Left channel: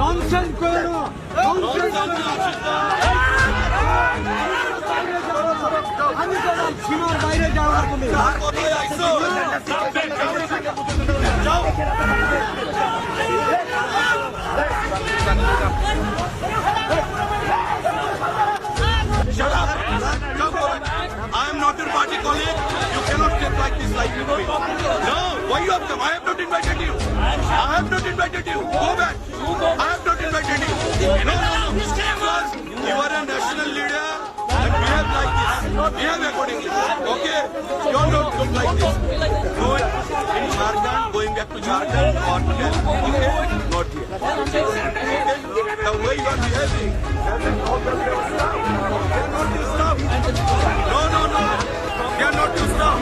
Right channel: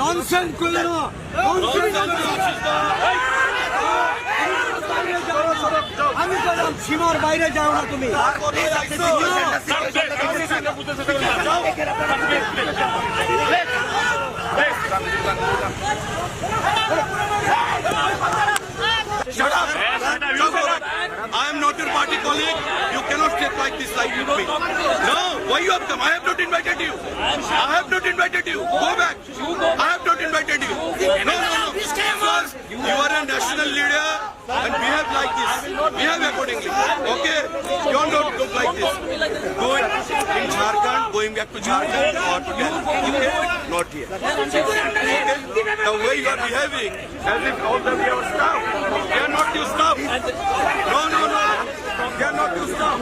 Nonsense করো না, আমি বললাম সীমার বাইরে যাও না তুমি। Shut up! Don't go back. I am not your party colleague. You cannot step like this like with me. No, why you have come? I have not invited you. I have not invited you. Go back. I have not invited you. No. Because you are a national leader and behave like this. Behave accordingly. Okay? You are not look like this. Go in Jharkhand, going back to Jharkhand or to Delhi. Okay? Not here. Okay? The way you are behaving, having all the stuff. They are not your stuff. No. They are not your stuff.